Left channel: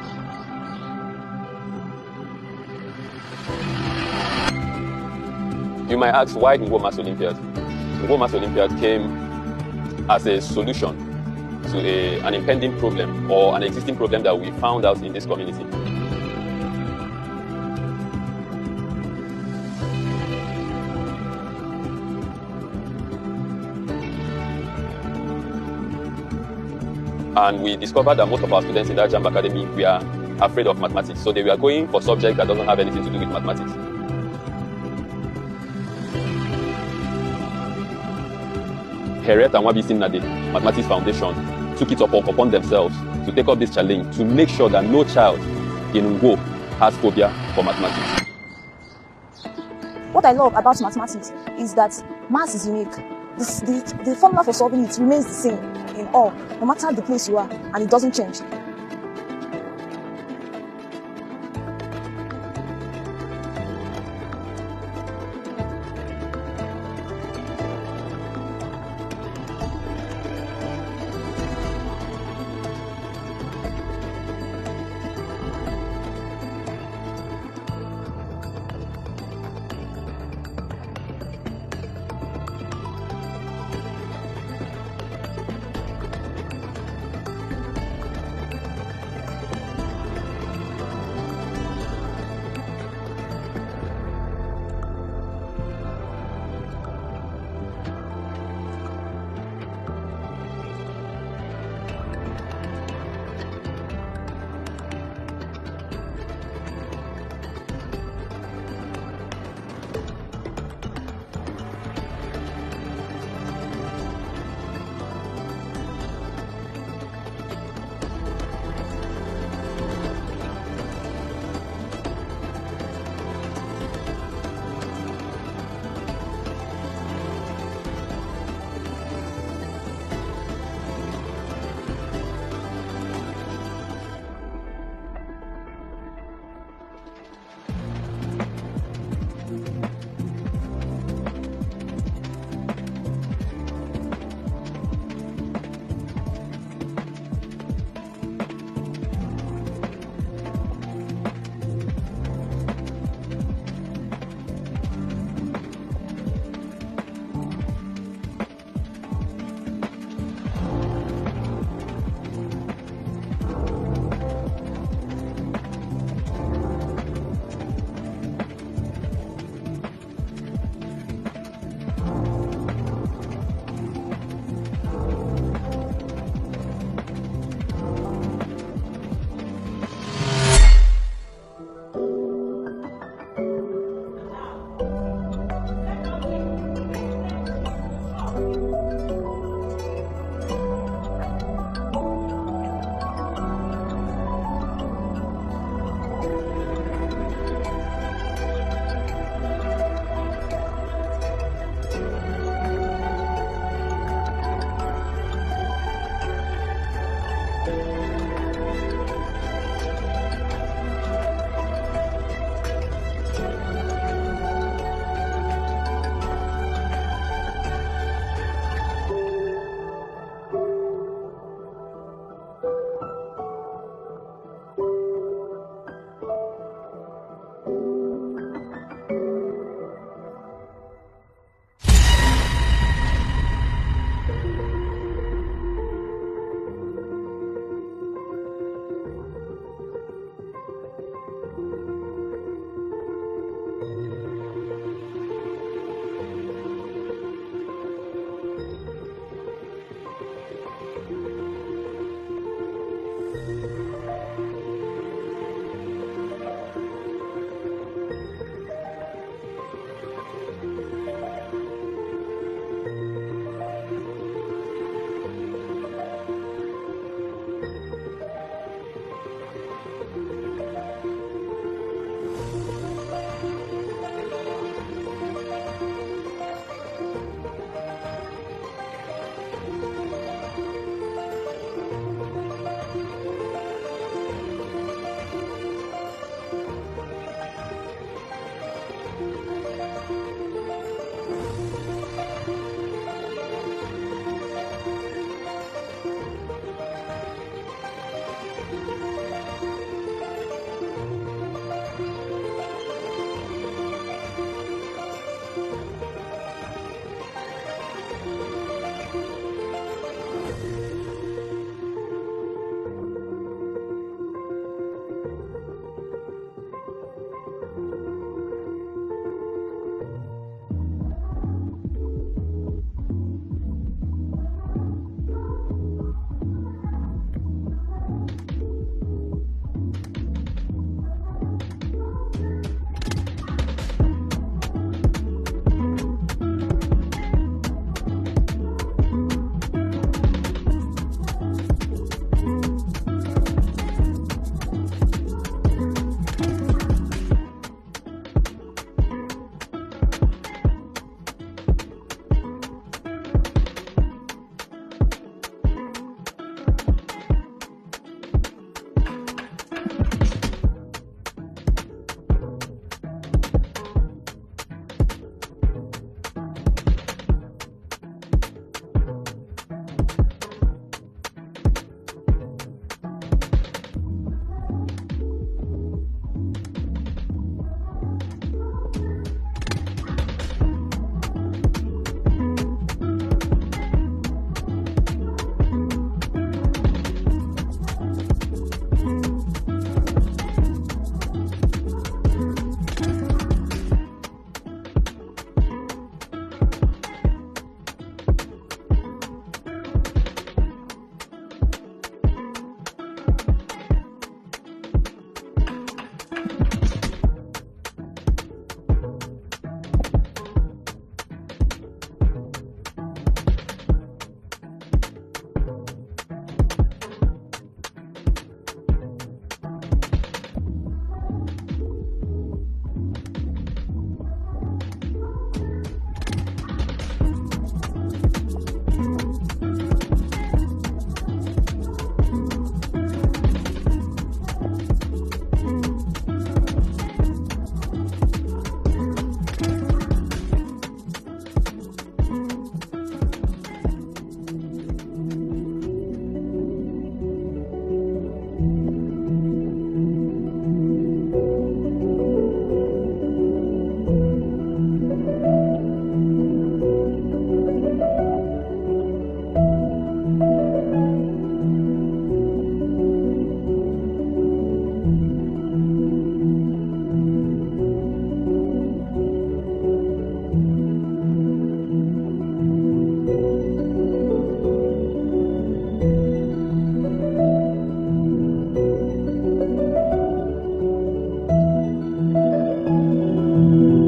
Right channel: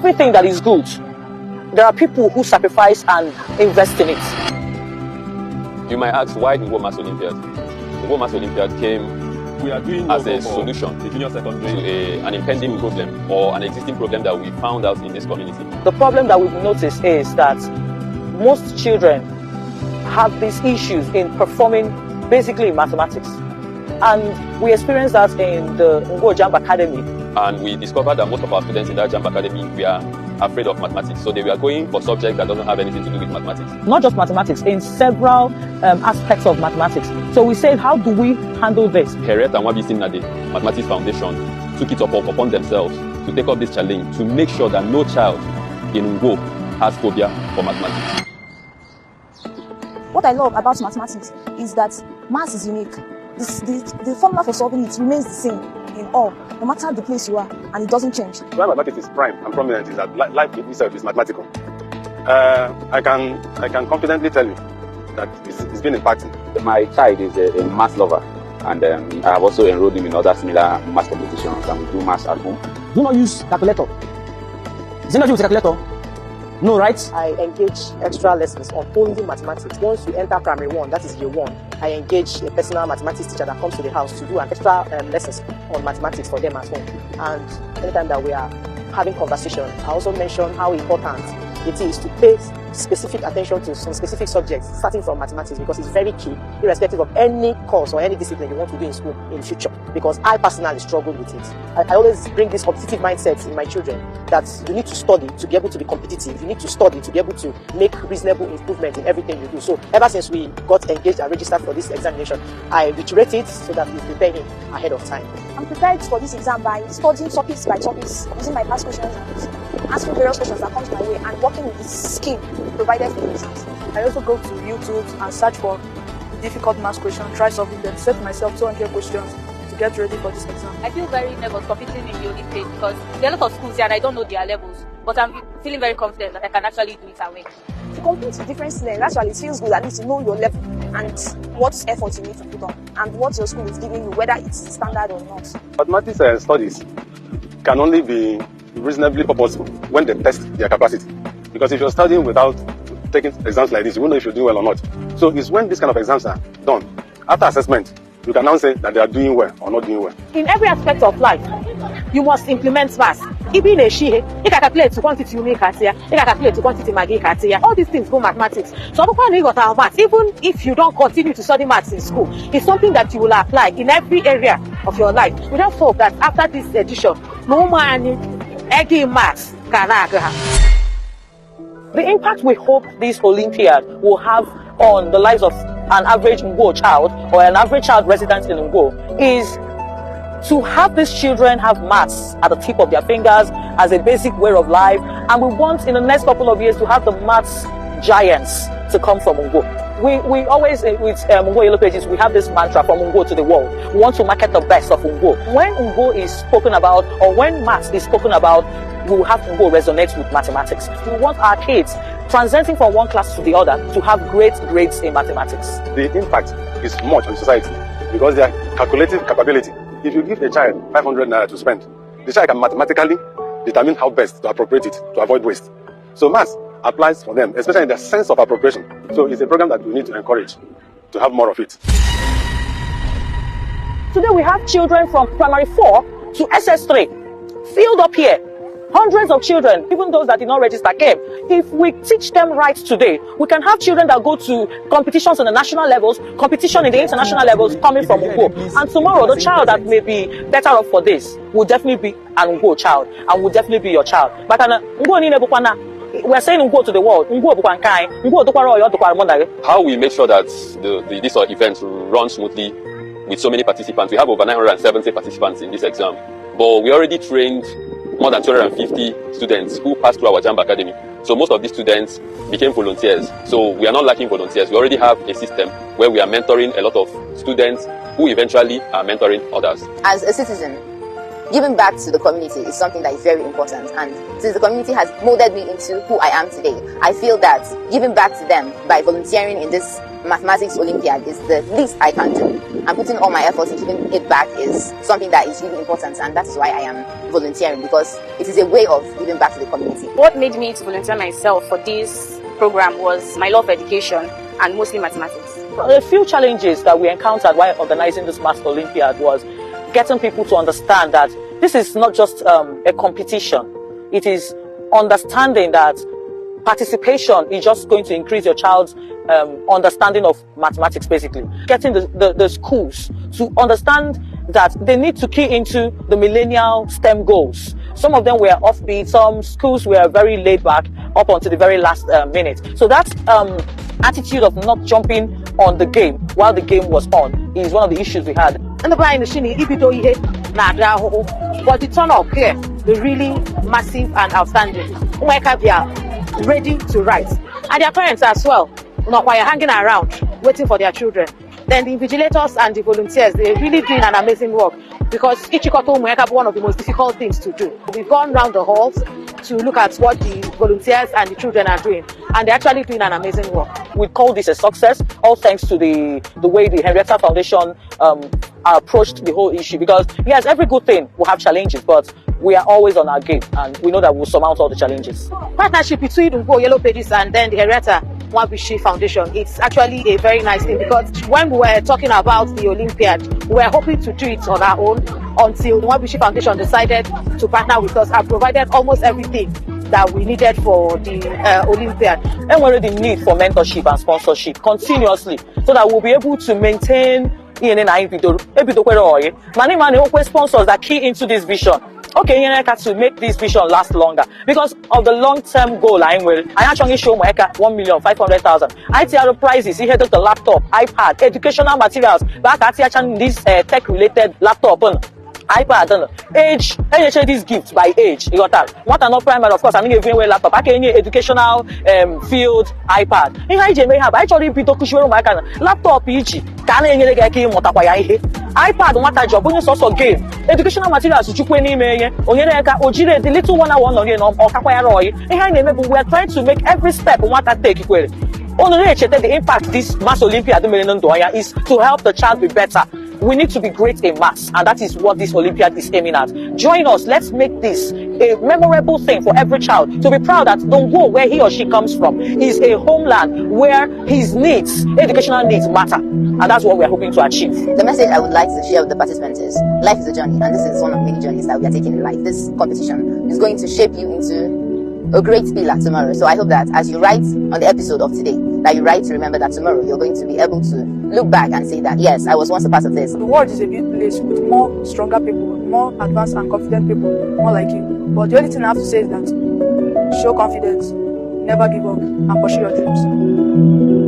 everything that is good, there are people who sacrifice and invest in it. You might ask, why the World Maths Olympiad? The World Maths Olympiad came as a solution to an impending problem or an existing problem that we found out in this community. The problem that we've noticed is that most children have these issues in performing basically in mathematics. And we experienced that in the Ngo Jamb Academy. And we discovered that most of our students in that Jamb Academy were afraid of mathematics. So they were going for subjects that doesn't have anything to do with mathematics. Not just mathematics, in several aspects of mathematics. So we said, how do we handle this? Heret and Wabi Sinade Mathematics Foundation took it upon themselves to take up this challenge to make sure that no child in Ngo has phobia for mathematics. What I love about mathematics is that maths is unique. The formula for solving it remains the same in all, no matter the place you are, and it doesn't change. Why mathematics is prime and prominent is that life itself is mathematical. I can confidently tell you that it's been impacting. My child is a math lover, and I have also enrolled him in other similar math competitions and do maths at home. Do not use calculator. Is it not use calculator? No, right? I engage extra lessons on only mathematics. Once you enter primary 1, that is year 1, I engage a personal mathematics teacher that comes to the house to do an extra lessons on mathematics for them at home. And anytime that we are having conversation, I also mention how important it is to pay specific attention to some specific subjects, starting from mathematics, because it's very key, irrespective of any course or any discipline you want to do in school in future. Because I personally struggle with it. I always bring this competitive mindset in my children that you need to study to be able to be competitive. You need to study to be able to make reasonable improvement in everything you do. So ever since we got engaged and registered for this examination, I reiterate it so that we prepare him ahead of time. I'm prepared for this exam by studying topics by topics, using my past questions, asking various questions that come my way, and working with the skill provided for me. I also go to YouTube and search for difficult math questions, try solving them, set myself 200 questions to get ready for this exam. I feel very nervous competing in the Olympics because there are a lot of schools here and I don't know their levels, but I'm feeling very confident that I can actually do it and win. To compete with different students, actually it feels good at least to know your level and what effort you need to put on and what your school is giving you, whether it's standard or not. Mathematics studies can only be reasonably purposeful when they test their capacity. Because if you're studying without taking exams like this, you won't know if you're doing well or not. So it's when these kind of exams are done, after assessment, you can now say that they are doing well or not doing well. In every aspect of life, you must implement maths. Even a she, you can calculate to quantity you make here, you can calculate to quantity maggi here. All these things go mathematics. So you got our maths. Even if you don't continue to study maths in school, it's something that you will apply in every area of your life. We just hope that after this edition, no man eggy maths can have. The impact we hope this Olympiad will have on the lives of an average Ngo child or an average child resident in Ngo is to have these children have maths at the tip of their fingers as a basic way of life. And we want in the next couple of years to have the maths giants to come from Ngo. We always, with Ngo Yellow Pages, we have this mantra from Ngo to the world. We want to market the best of Ngo. When Ngo is spoken about, or when maths is spoken about, we will have Ngo resonate with mathematics. We want our kids transiting from one class to the other to have great grades in mathematics. The impact is much on society because their calculative capability. If you give a child 500 naira to spend, the child can mathematically determine how best to appropriate it to avoid waste. So maths applies for them, especially in the sense of appropriation. So it's a program that we need to encourage to have more of it. Today we have children from primary 4 to SS3 filled up here. Hundreds of children, even those that did not register, came. If we teach them right today, we can have children that go to competitions on the national levels, competition in the international levels coming from Ngo. And tomorrow, the child that may be better off for this will definitely be an Ngo child and will definitely be your child. But we're saying Ngo to the world. How we make sure that this event runs smoothly with so many participants. We have over 970 participants in this exam, but we already trained more than 250 students who passed through our Jamb Academy. So most of these students became volunteers. So we are not lacking volunteers. We already have a system where we are mentoring a lot of students who eventually are mentoring others. As a citizen, giving back to the community is something that is very important. And since the community has molded me into who I am today, I feel that giving back to them by volunteering in this mathematics Olympiad is the least I can do. and putting all my efforts in giving it back is something that is really important, and that is why I am volunteering, because it is a way of giving back to the community. What made me to volunteer myself for this program was my love of education and mostly mathematics. A few challenges that we encountered while organizing this Maths Olympiad was getting people to understand that this is not just a competition. It is understanding that participation is just going to increase your child's understanding of mathematics, basically. Getting the schools to understand that they need to key into the millennial STEM goals. Some of them were offbeat, some schools were very laid back up until the very last minute. So that attitude of not jumping on the game while the game was on is one of the issues we had. And the blind machine, but the turn up here, the really massive and outstanding. They are ready to write. And their parents as well, not while hanging around, waiting for their children. Then the invigilators and the volunteers, they're really doing an amazing work, because Ichikoto Mweka one of the most difficult things to do. We've gone round the halls to look at what the volunteers and the children are doing, and they're actually doing an amazing work. We call this a success, all thanks to the way the Henrietta Foundation approached the whole issue, because yes, every good thing will have challenges, but we are always on our game, and we know that we'll surmount all the challenges. Partnership between Ungo Yellow Pages and then the Henrietta Mwabishi Foundation, it's actually a very nice thing, because when we were talking about the Olympiad, we were hoping to do it on our own until the Mwabishi Foundation decided to partner with us and provided almost everything that we needed for the Olympiad. And we're the need for mentorship and sponsorship continuously, so that we'll be able to maintain many sponsors that key into this vision. Okay, to make this vision last longer, because of the long-term goal I actually show my 1,500,000. ITR prizes, he had the laptop, iPad, educational materials, but actually this tech-related laptop, iPad, age, these gifts by age. You got that. What are not primary, of course, I mean, even laptop, I can educational field, iPad. Actually, laptop, iPad, what a job, when you also game. Educational materials, the little 1 hour, we are trying to make every step what I take. The impact this Maths Olympiad is to help the child be better. We need to be great in maths, and that is what this Olympiad is aiming at. Join us. Let's make this a memorable thing for every child to be proud that Dongo, where he or she comes from, is a homeland where his needs, educational needs, matter. And that's what we're hoping to achieve. The message I would like to share with the participants is life is a journey, and this is one of many journeys that we are taking in life. This competition is going to shape you into a great pillar tomorrow. So I hope that as you write on the episode of today, that you write to remember that tomorrow you're going to be able to look back and say that, yes, I was once a part of this. The world is a big place with more stronger people, more advanced and confident people, more like you. But the only thing I have to say is that show confidence, never give up, and pursue your dreams.